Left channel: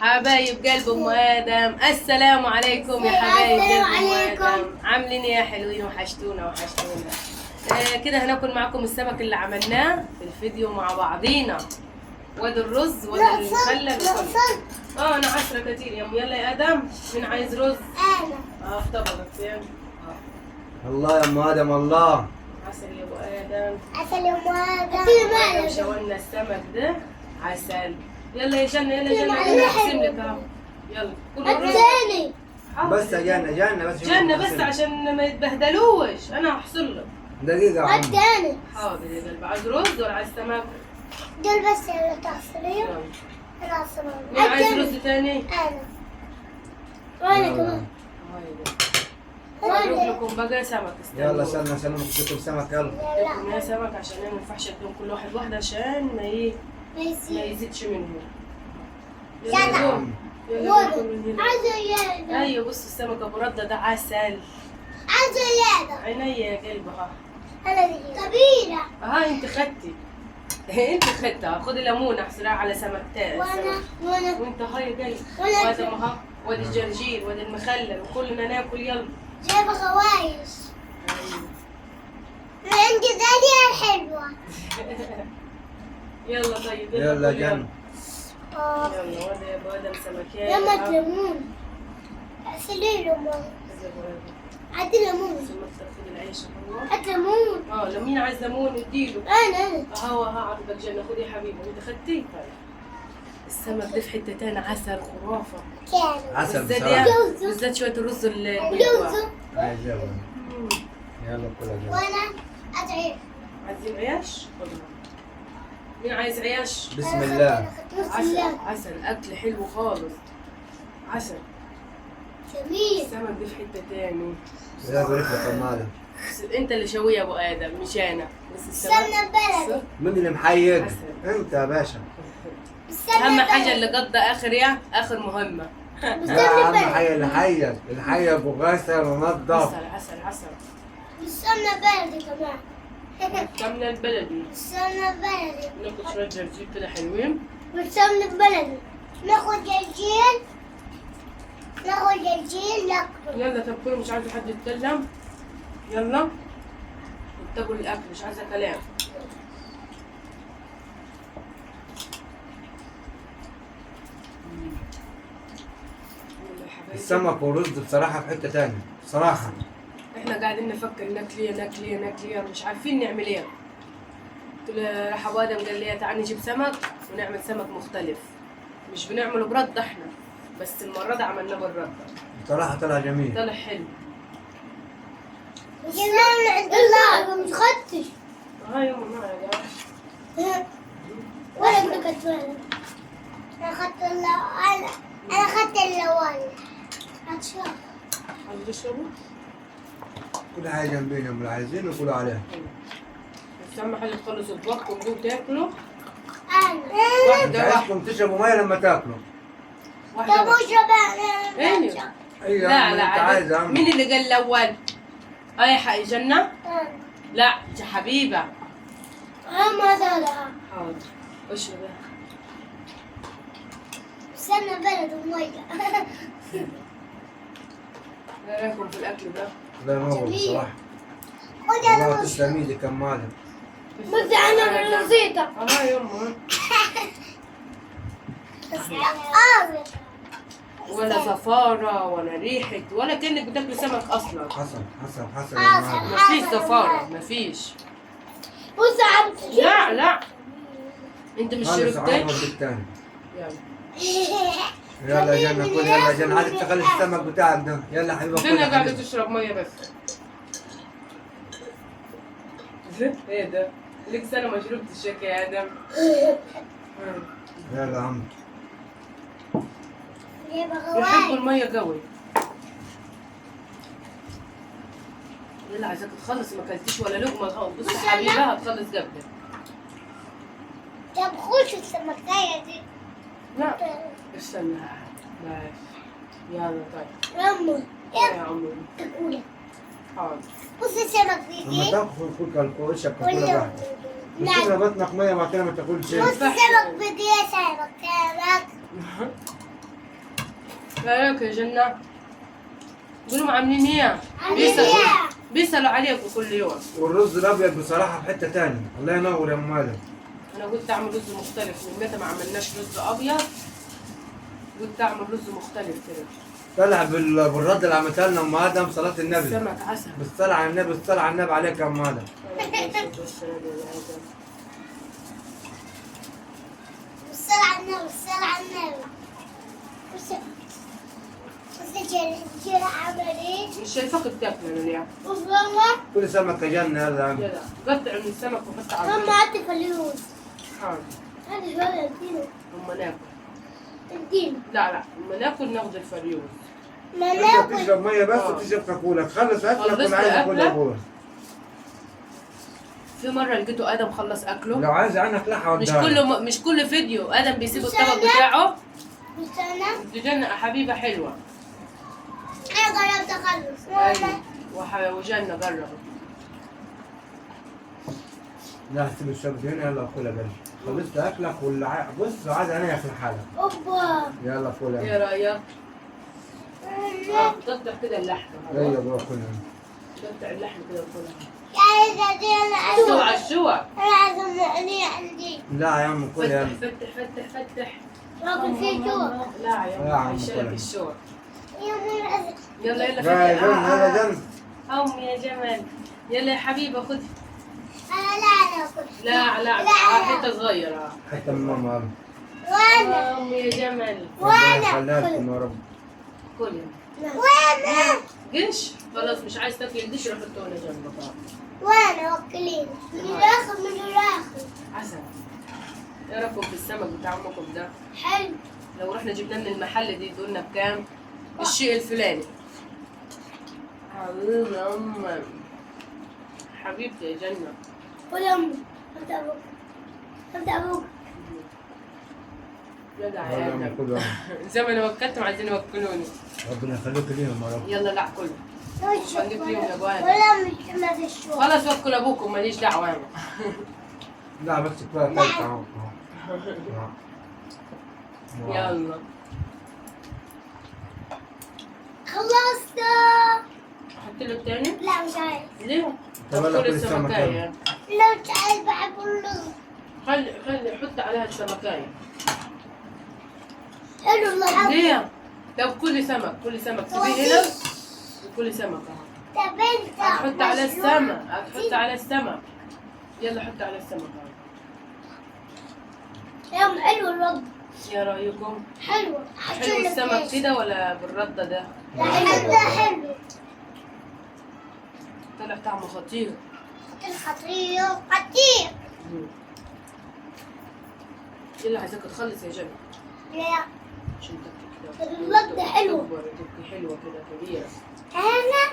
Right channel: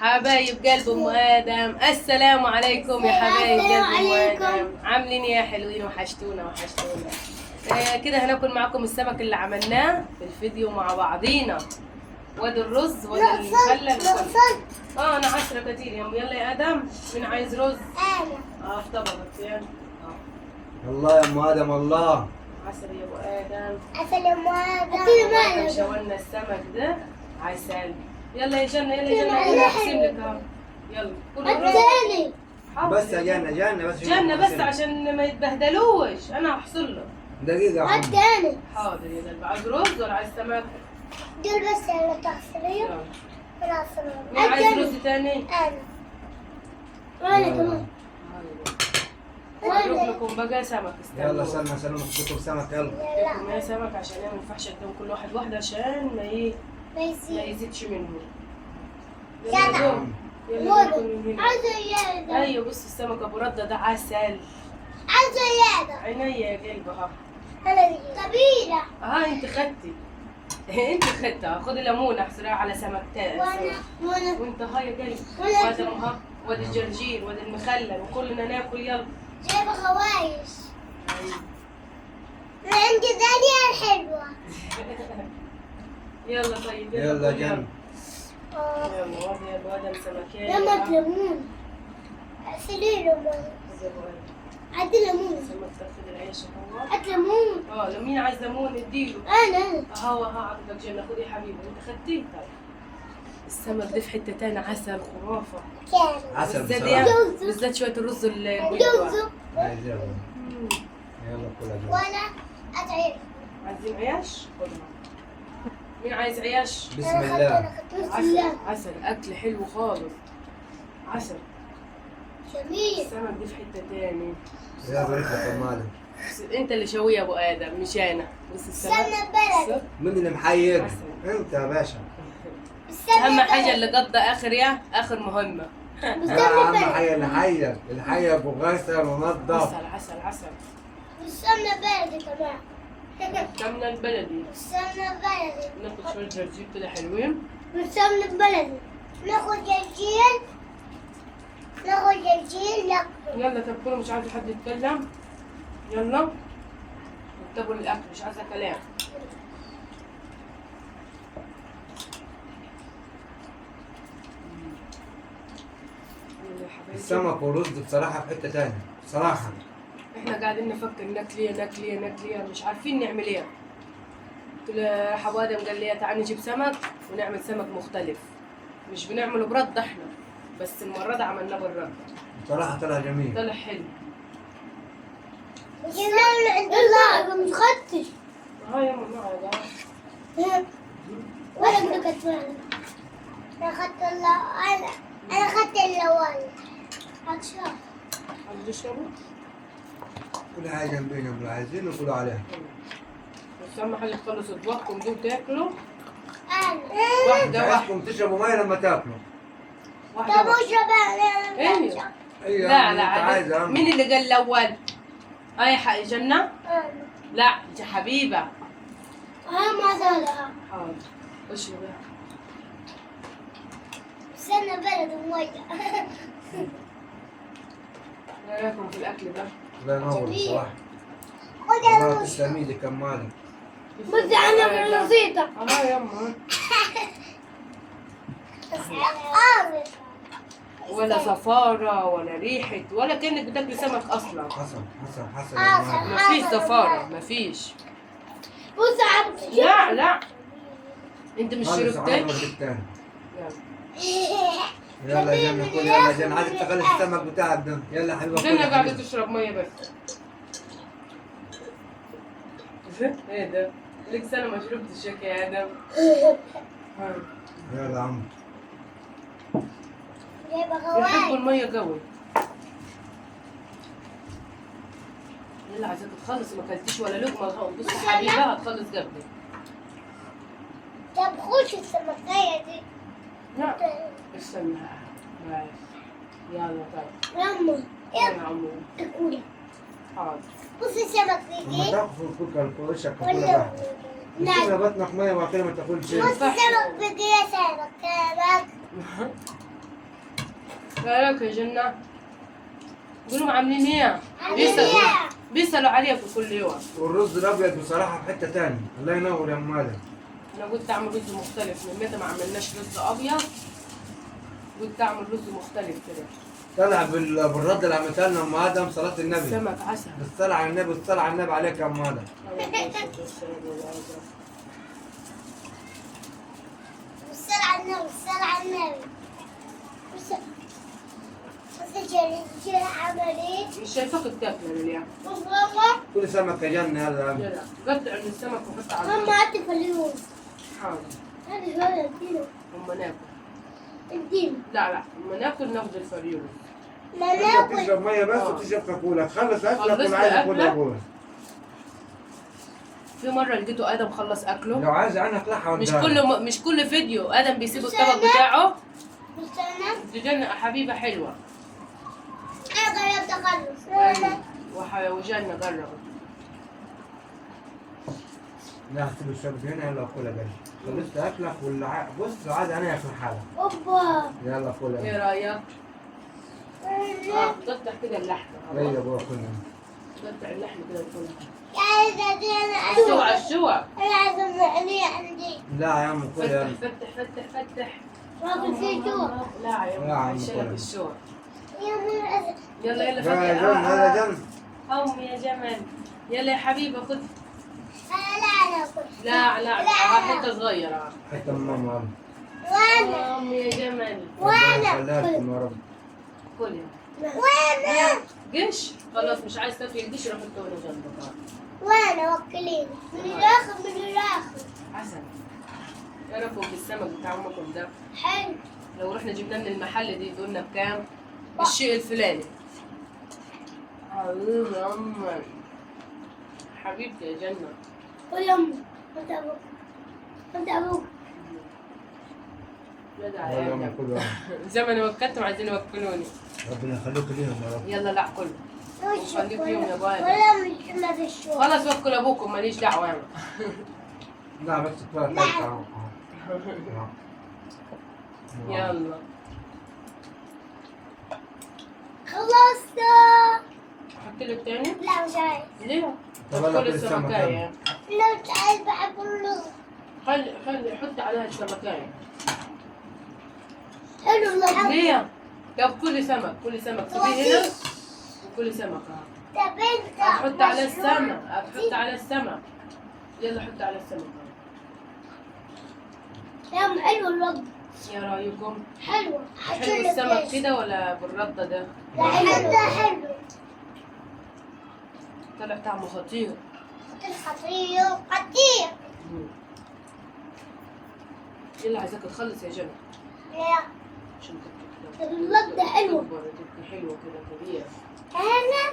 حبايب قلب ام ادم، السلام عليكم يا حبايب قلب ام ادم. عاملين ايه يا حلوين؟ وحشتونا. كده هناكل معاكم السمك اللي عملناه في الفيديو مع بعضينا، وادي الرز وادي المخلل وكله. انا عشرة كتير يا يلا يا ادم. مين عايز رز؟ انا في طبقك فين؟ الله يا ام ادم الله. عسل يا ابو ادم. عسل يا ام ادم. شوالنا السمك ده عسل. يلا يا جنة يلا اقسم لك اهو. يلا كل الثاني بس يا جنة بس جنة بس عشان ما يتبهدلوش. انا هحصل لك دقيقة يا عم. الثاني حاضر يا قلبي. عايز رز ولا عايز سمك؟ دول بس يا تعصرية. انا عصرية. مين عايز رز تاني؟ وانا كمان. اجيب لكم بقى سمك. يلا سلمى تجيبوا سمك يلا. لكم يا سمك عشان ما ينفعش اديهم كل واحد واحدة عشان ما يزيدش منهم. يلا يلا ناكل من هنا. عايزة زيادة. ايوه بص السمك ابو ردة ده عسل. عايزة زيادة. عينيا يا قلب ها. انا كبيرة. انت خدتي. انت خدتها. خدي ليمونه احصريها على سمكتين. وانا وانت هاي يا قلب. وأنا وادي ها وادي الجرجير وادي المخلل وكلنا ناكل يلا. جايبة خوايش. أيوة. من عند داليا الحلوة. يلا طيب يلا كل جنة. يلا وادي يا ابو ادم سمكين. لما ليمون. اغسلي ليمون. عدي ليمون. خد العيش اهو. هات ليمون. لو مين عايز ليمون اديله. انا اهو عطتك جنة. خدي يا حبيبي انت خدتيه. طيب السمك ده في حته تاني عسل خرافه. كان عسل بالذات بصراحة. بالذات شويه الرز وجوزه. يلا كلها جنة. وانا ادعي. عايزين عيش؟ خدها. مين عايز عيش؟ بسم الله. عسل اكل حلو خالص. عسل. جميل. السمك دي في حته تاني. يا بارك لك يا ام ادم. انت اللي شويه يا ابو ادم مش انا. بس السمك استنى البلد. مين اللي محيق؟ عسل. انت يا باشا. اهم حاجه اللي قضى اخر مهمه. اهم حاجة الحية ابو غسل ونضف. عسل. استنى بلدي كمان. كمنا البلدي. استنى بلدي. ناخد شويه جرجير كده حلوين. استنى بلدي. ناخد جرجير. ناكله. يلا طب كله مش عايز حد يتكلم. يلا اتقوا الاكل مش عايزه كلام. السمك والرز بصراحة في حتة تانية بصراحة. احنا قاعدين نفكر ناكل مش عارفين نعمل ايه. قلت له حبو ادم قال لي تعالي نجيب سمك ونعمل سمك مختلف. مش بنعمله برد احنا، بس المره دي عملناه بالرد. بصراحة طلع جميل. طلع حلو. جبنا عند الله مش خدتش. هاي يما معايا. ولا اقول لك انا خدت انا خدت الاول. هتشوف. عايز تشربوا؟ كل حاجة جنبينا اللي عايزين وكلوا عليها. بس اهم حاجه تخلصوا اطباقكم دول تاكلوا. انا مش واحده عايزكم تشربوا مية لما تاكلوا. واحده. طب وشباب. ايوه. ايوه لا انت عايز يا عم. مين اللي قال الاول؟ يا حق جنة؟ لا يا حبيبه. ما زالها. حاضر. اشرب يا. استنى بلد ومية. ايه رايكم في الاكل ده؟ الله ينور بصراحة. خد يا والله روش. تسلم ايدك يا ام ادم. بس انا بسيطة. يما. بس ولا زفارة ولا ريحة ولا كأنك بتاكل سمك أصلا. حصل يا ام ادم. مفيش زفارة مفيش. بص عم. لا أنت مش خالص شربتك؟ عمرك التاني. يلا. يلا يا جنة كل يلا يا جنة عايزك تخلي السمك بتاعك ده. يلا يا حبيبي جنة كل قاعدة حبيبي. تشرب مية بس. ايه ده؟ لك سنة ما شربتش يا آدم. يلا يا عم. يحبوا المية قوي. يلا عايزاك تخلص ما اكلتيش ولا لقمة. بص يا حبيبة هتخلص قبلك. طب خش السمكية دي. لا استنى ماشي. يلا طيب. رمى. يا عمري. تقولي. حاضر. بص السمك لما دي. تاكل كل وشك كل واحد. نعم. تملى بطنك ميه وبعد كده ما تاكلش. بص السمك بدي سمك. رايك يا جنة؟ قولوا عاملين ايه؟ عاملين إيه؟ بيسألوا عليكم كل يوم. والرز الابيض بصراحه في حته ثانيه. الله ينور يا ام ادم. انا قلت اعمل رز مختلف، من متى ما عملناش رز ابيض قلت اعمل رز مختلف كده. طلع بالرد اللي عملتها لنا ام ادم صلاه النبي. سمك عسل. بالصلاه على النبي، بالصلاه على النبي عليك يا ام ادم. والصلاة على النبي، والصلاة على النبي. بس الرجال عمل ايه؟ مش شايفاك بتاكل انا اليوم. ماما كل سمكه جنه هذا يا عم. يلا قطع من السمك وحط على ماما هاتي فلوس. حاضر. هذا شوية ادينا اما ناكل. ادينا. لا اما ناكل ناخذ الفريون. ما انت ناكل. بتشرب ميه بس وتشرب كاكولا، تخلص اكلك خلصت وانا عايز اكل أكلك؟ ابوها. في مره لقيته ادم خلص اكله. لو عايز عنك لحه وداها. مش كل فيديو ادم بيسيب الطبق بتاعه. مستنى. دي جنة حبيبه حلوه. انا قربت اخلص. ماما وجنة قربت. لا سيب الشرب هنا، يلا كلها بس. خلصت اكلك بص لو عايز انا في الحاله. اوبا. يلا كلها. ايه رايك؟ تقطع كده اللحمه. ايه يا ابويا كلها. تقطع اللحمه كده وكلها. عايزة دي انا الشوع عايزة. الشوع. انا عايزة مقلية عندي. لا يا عم كل يا عم. فتح. باكل فيه جوع. لا يا يا عم عم هيشيلك كلها. الشوع. يا من يلا يا فتح. جن هذا جن. يا جمال. يلا يا حبيبه خد. انا لا اكل. لا حته صغيره. حتى من ماما. وانا يا جمال. ربنا يخليها لكم يا رب. كل وانا قنش خلاص مش عايز تاكل القش روح حطه هنا جنبك. وانا وكلين من الاخر من الاخر. عسل. ايه رايكم في السمك بتاع امكم ده؟ حلو. لو رحنا جبنا من المحل دي يدولنا بكام؟ بالشيء الفلاني. حبيبي يا أمي. حبيبتي يا جنة. قول يا امي. انت ابوك. انت ابوك. جدع يلا يا يا عم آدم. كلها. زي ما انا وكلتهم عايزين يوكلوني. ربنا يخليك ليهم يا رب. يلا لا كله. خليك فيهم يا أبو آدم. ولا مش ما تشوف. خلاص وكل ابوكم ماليش دعوة انا. لا بس كلها تايت اهو. يلا. خلصت. احط لك تاني؟ لا مش عايز. ليه؟ طب يلا كل كل السمك السمكاية. لا مش عايز بحب اللغة. خلي حط عليها السمكاية. حلو الله. ليه؟ طب كل سمك سيبيه هنا. كل سمك اهو. طب انت هتحط على السمك. هتحط على السمك. يلا حط على السمك اهو. يا ام حلو الرد. يا رايكم؟ حلو. حلو السمك كده ولا بالردة ده؟ لا حلو. ده حلو. طلع طعمه خطير. خطير خطير. يلا عايزاك تخلص يا جنى لا عشان تبكي كده. الرد حلو. تكبر وتبكي حلوة كده كبيرة. انا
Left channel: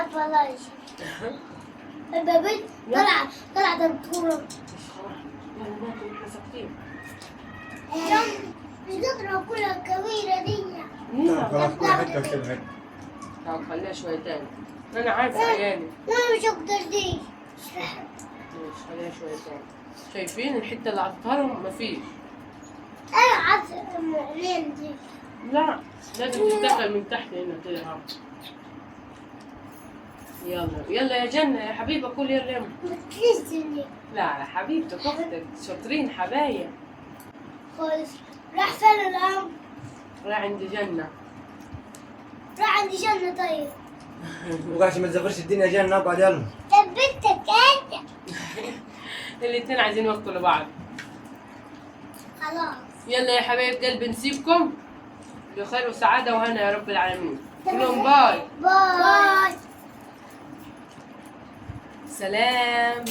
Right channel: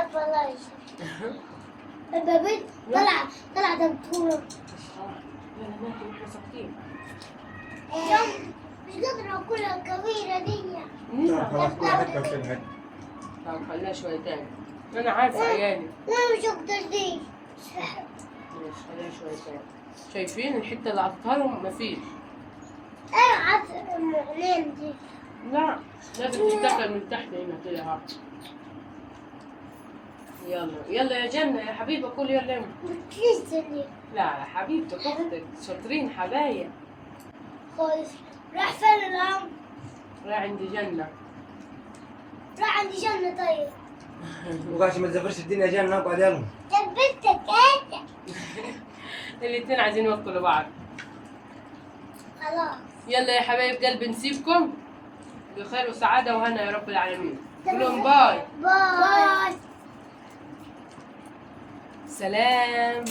ابا لايش. ابا بنت طلع دكتورة. مش خلاص. يلا ناكل احنا ساكتين. مش قادرة اكلها الكبيرة دي. خلاص كل حته وكل حته. طب خليها شوية تاني. أنا عارفة عيالي. وانا مش هقدر دي. ماشي خليها شوية تاني. شايفين الحتة اللي عطيتها لهم مفيش. انا عارفة المعلم دي. لا لازم تشتغل من تحت هنا كده اهو. يلا يا جنة يا حبيبة كل يلا يلا. بتنزلي لا يا حبيبتك اختك شاطرين حبايب. خالص. راح فين الأم؟ راح عند جنة. راح عند جنة طيب. وقاعد ما تزفرش الدنيا جانا نقعد يلا. طب بنتك انت. الاتنين عايزين يوكلوا بعض. خلاص. يلا يا حبايب قلبي نسيبكم بخير وسعادة وهنا يا رب العالمين. كلهم باي. باي. سلام.